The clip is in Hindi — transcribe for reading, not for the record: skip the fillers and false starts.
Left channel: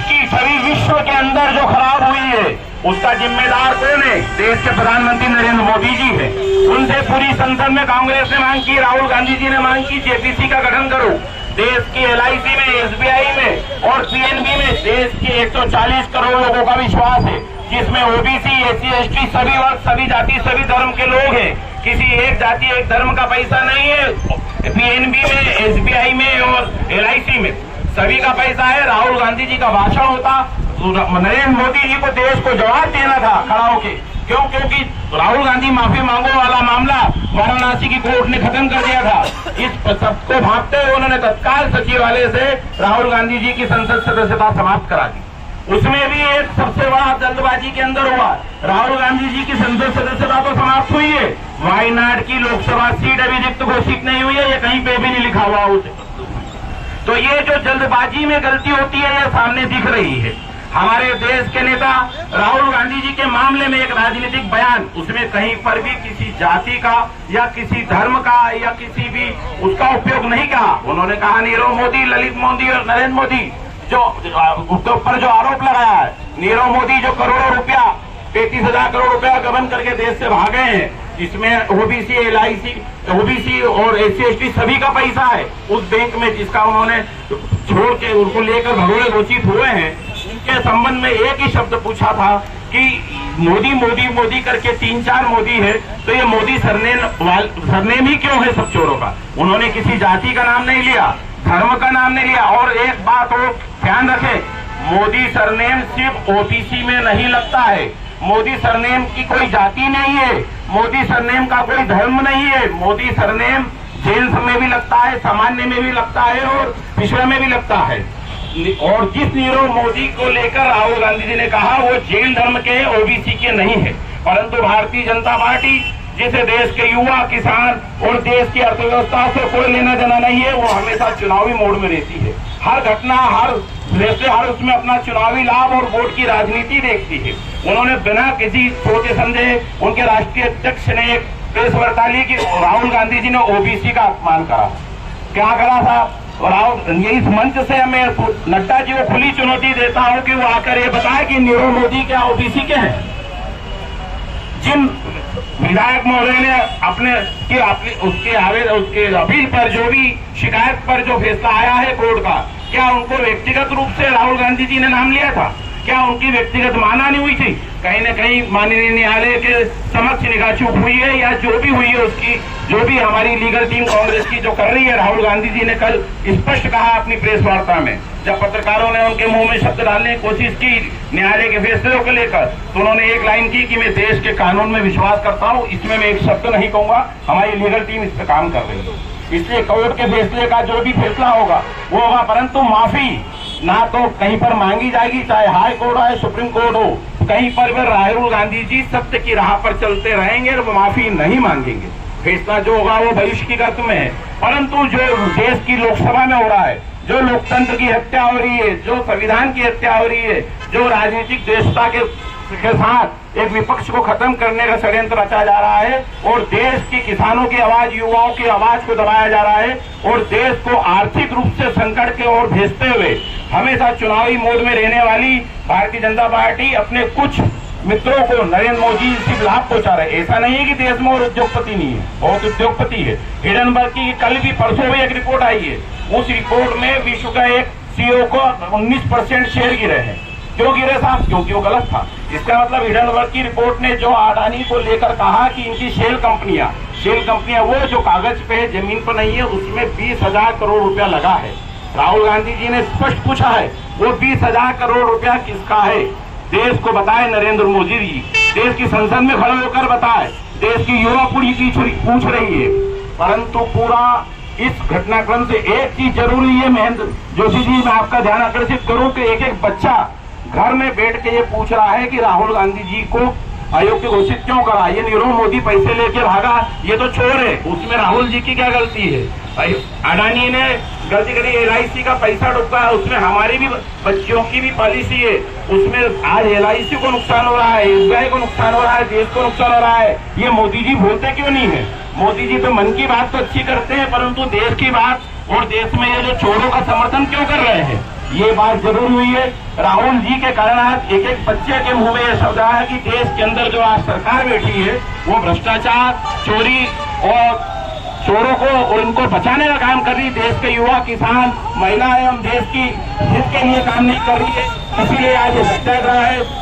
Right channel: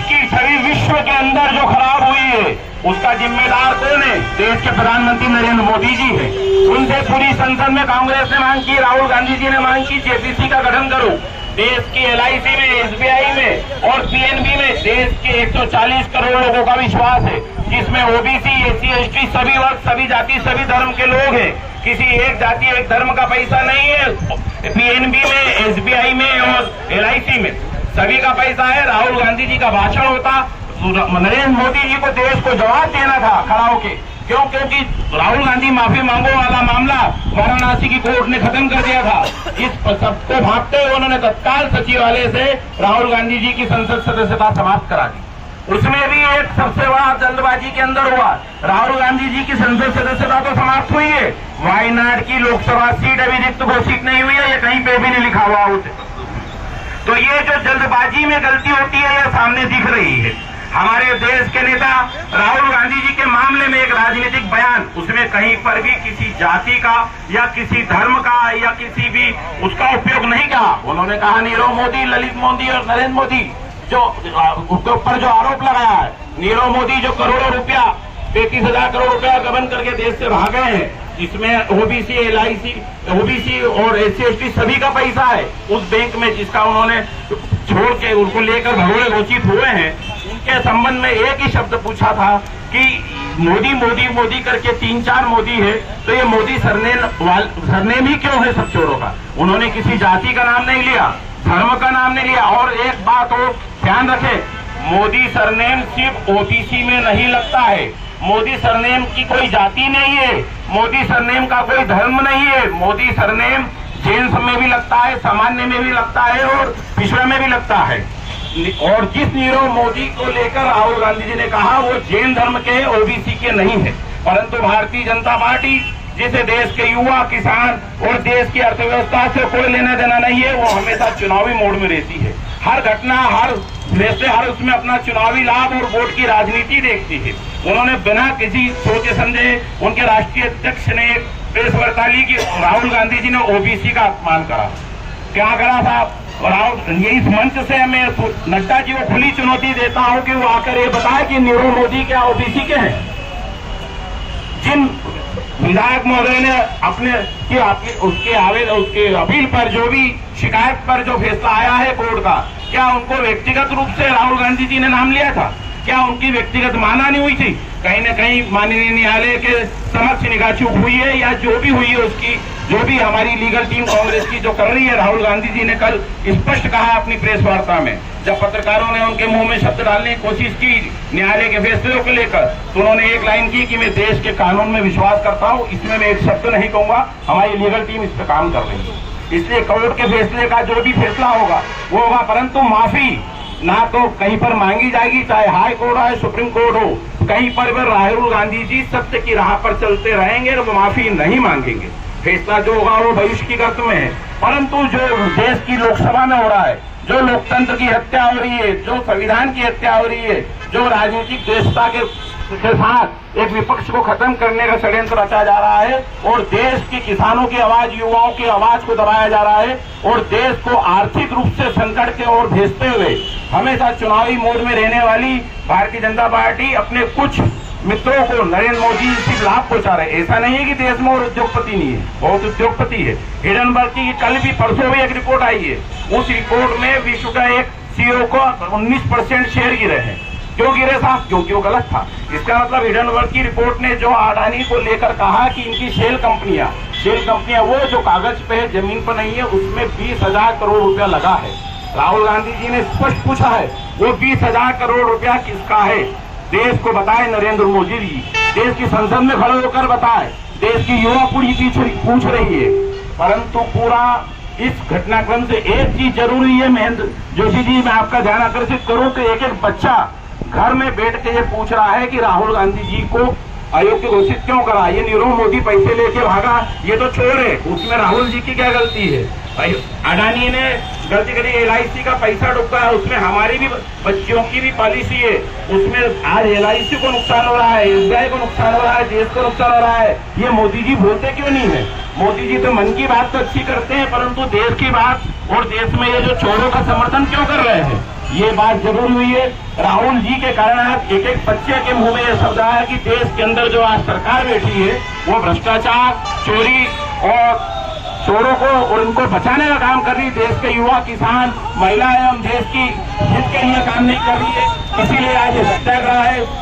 देश की छवि विश्व के अंदर जो खराब हुई है उसका जिम्मेदार कौन है? देश के प्रधानमंत्री नरेंद्र मोदी जी है। उनसे पूरी संसद में कांग्रेस ने मांग की, राहुल गांधी जी ने मांग की, जेपीसी का गठन करो। देश की LIC में, SBI में और PNB में देश के 140 करोड़ लोगों का विश्वास है, जिसमें OBC, SC, ST सभी वर्ग, सभी जाति, सभी धर्म के लोग हैं। किसी एक जाति एक धर्म का पैसा नहीं है। PNB में, SBI में और LIC में सभी का पैसा है। राहुल गांधी जी का भाषण होता, नरेंद्र मोदी जी को देश को जवाब देना था खड़ा होके। क्यों? क्योंकि राहुल गांधी माफी मांगो वाला मामला वाराणसी की कोर्ट ने खत्म कर दिया था। इस सबको भागते हुए उन्होंने तत्काल सचिवालय से राहुल गांधी जी की संसद सदस्यता समाप्त करा दी। उसमें भी एक सबसे बड़ा जल्दबाजी के अंदर हुआ। राहुल गांधी जी की संसद सदस्यता तो समाप्त हुई है, वायनाड की लोकसभा सीट अभी रिक्त घोषित नहीं हुई है, ये कहीं पे भी नहीं लिखा हुआ उसे। तो ये जो जल्दबाजी में गलती होती है ये सामने दिख रही है। हमारे देश के नेता राहुल गांधी जी के मामले में एक राजनीतिक बयान, उसमें कहीं पर भी किसी जाति का या किसी धर्म का या किसी भी उसका उपयोग नहीं कहा। उन्होंने कहा नीरव मोदी, ललित मोदी और नरेंद्र मोदी जो उसके ऊपर जो आरोप लगाया है, नीरव मोदी जो करोड़ों रुपया 35,000 करोड़ रुपया गबन करके देश से भागे हैं, इसमें OBC, LIC, OBC और SC, ST सभी का पैसा है उस बैंक में जिसका उन्होंने छोड़ के उनको लेकर भगोड़े घोषित हुए हैं। उनके संबंध में एक ही शब्द पूछा था कि मोदी मोदी मोदी करके 3-4 मोदी है, तो ये मोदी सरनेम ही क्यों है सब चोरों का? उन्होंने किसी जाति का नाम नहीं लिया, धर्म का नाम नहीं लिया। और एक बात और ध्यान रखें, मोदी सरनेम सिर्फ OBC में नहीं लगता है। मोदी सरनेम की कोई जाति नहीं है, मोदी सरनेम का कोई धर्म नहीं है। मोदी सरनेम जेन्स में भी लगता है, सामान्य में भी लगता है और पिछड़े में भी लगता है। और जिस नीरव मोदी को लेकर राहुल गांधी जी ने कहा वो जैन धर्म के OBC के नहीं है, परंतु भारतीय जनता पार्टी जिसे देश के युवा, किसान और देश की अर्थव्यवस्था से कोई लेना देना नहीं है, वो हमेशा चुनावी मोड में रहती है। हर घटना, हर फैसले, हर उसमें अपना चुनावी लाभ और वोट की राजनीति देखती है। उन्होंने बिना किसी सोचे समझे उनके राष्ट्रीय अध्यक्ष ने एक प्रेस वार्ता ली कि राहुल गांधी जी ने OBC का अपमान करा। क्या करा साहब? राहुल, ये इस मंच से मैं नड्डा जी को खुली चुनौती देता हूं कि वो आकर ये बताए कि नीरव मोदी क्या OBC के हैं? जिन विधायक महोदय ने उसके अपील पर जो भी शिकायत पर जो फैसला आया है कोर्ट का, क्या उनको व्यक्तिगत रूप से राहुल गांधी जी ने नाम लिया था? क्या उनकी व्यक्तिगत माना नहीं हुई थी? कहीं न कहीं माननीय न्यायालय के समक्ष निगाह चूक हुई है या जो भी हुई है उसकी जो भी हमारी लीगल टीम कांग्रेस की जो कर रही है। राहुल गांधी जी ने कल स्पष्ट कहा अपनी प्रेस वार्ता में, जब पत्रकारों ने उनके मुंह में शब्द डालने की कोशिश की न्यायालय के फैसलों को लेकर, तो उन्होंने एक लाइन की कि मैं देश के कानून में विश्वास करता हूं, इसमें मैं एक शब्द नहीं कहूंगा, हमारी लीगल टीम इस पर काम कर रही है। इसलिए कोर्ट के फैसले का जो भी फैसला होगा वो होगा, परंतु माफी ना तो कहीं पर मांगी जाएगी, चाहे हाई कोर्ट हो, सुप्रीम कोर्ट हो, कहीं पर भी राहुल गांधी जी सत्य की राह पर चलते रहेंगे और वो माफी नहीं मांगेंगे। फैसला जो होगा वो भविष्य की गर्त में है, परंतु जो देश की लोकसभा में हो रहा है, जो लोकतंत्र की हत्या हो रही है, जो संविधान की हत्या हो रही है, जो राजनीतिक देशता के साथ एक विपक्ष को खत्म करने का षड्यंत्र रचा जा रहा है और देश के किसानों की आवाज, युवाओं की आवाज को दबाया जा रहा है और देश को आर्थिक रूप से संकट के ओर भेजते हुए हमेशा चुनावी मोड में रहने वाली भारतीय जनता पार्टी अपने कुछ मित्रों को नरेंद्र मोदी से लाभ पहुंचा रहे। ऐसा नहीं है कि देश में और उद्योगपति नहीं है, बहुत उद्योगपति है। हिडनबर्ग की कल भी परसों भी एक रिपोर्ट आई है, उस रिपोर्ट में विश्व का एक CEO को 19% शेयर गिरे हैं। क्यों गिरे साहब? क्योंकि वो गलत था। इसका मतलब हिडनबर्ग की रिपोर्ट ने जो अडानी को लेकर कहा कि इनकी शेल कंपनियां वो जो कागज पे है, जमीन पर नहीं है, उसमें 20,000 करोड़ रुपया लगा है। राहुल गांधी जी ने स्पष्ट पूछा है वो 20,000 करोड़ रुपया किसका है? देश को बताए नरेंद्र मोदी जी, देश की संसद में खड़े होकर बताए, देश की युवा पीढ़ी पूछ रही है। परंतु पूरा इस घटनाक्रम से एक चीज जरूरी है महेंद्र जोशी जी, मैं आपका ध्यान आकर्षित करूं कि एक बच्चा घर में बैठ के ये पूछ रहा है कि राहुल गांधी जी को अयोग्य घोषित क्यों करा? ये नीरव मोदी पैसे लेके भागा, ये तो चोर है, उसमें राहुल जी की क्या गलती है? अडानी ने गलती करी, LIC का पैसा डूबा है, उसमें हमारी भी बच्चियों की भी पॉलिसी है, उसमें आज LIC को नुकसान हो रहा है, SBI को नुकसान हो रहा है, देश को नुकसान हो रहा है। ये मोदी जी बोलते क्यों नहीं है? मोदी जी तो मन की बात तो अच्छी करते हैं, परंतु देश की बात और देश में ये जो चोरों का समर्थन क्यों कर रहे हैं? ये बात जरूर हुई है। राहुल जी के कारण आज एक एक बच्चे के मुंह में ये शब्द आया है कि देश के अंदर जो आज सरकार बैठी है वो भ्रष्टाचार, चोरी और चोरों को और उनको बचाने का काम कर रही है। देश के युवा, किसान, महिलाएं एवं देश की हित के लिए काम नहीं कर रही है। इसीलिए आज ये सत्याग्रह है।